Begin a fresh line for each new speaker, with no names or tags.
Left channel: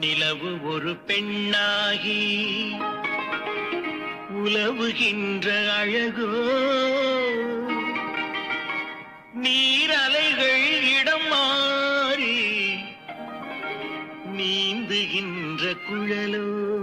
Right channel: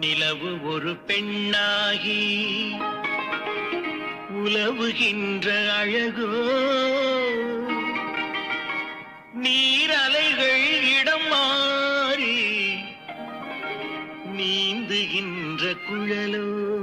நிலவு ஒரு பெண்ணாகி உலவுகின்ற அழகோ. நீரலைகள் இடம் மாறி நீந்துகின்ற குழலோ.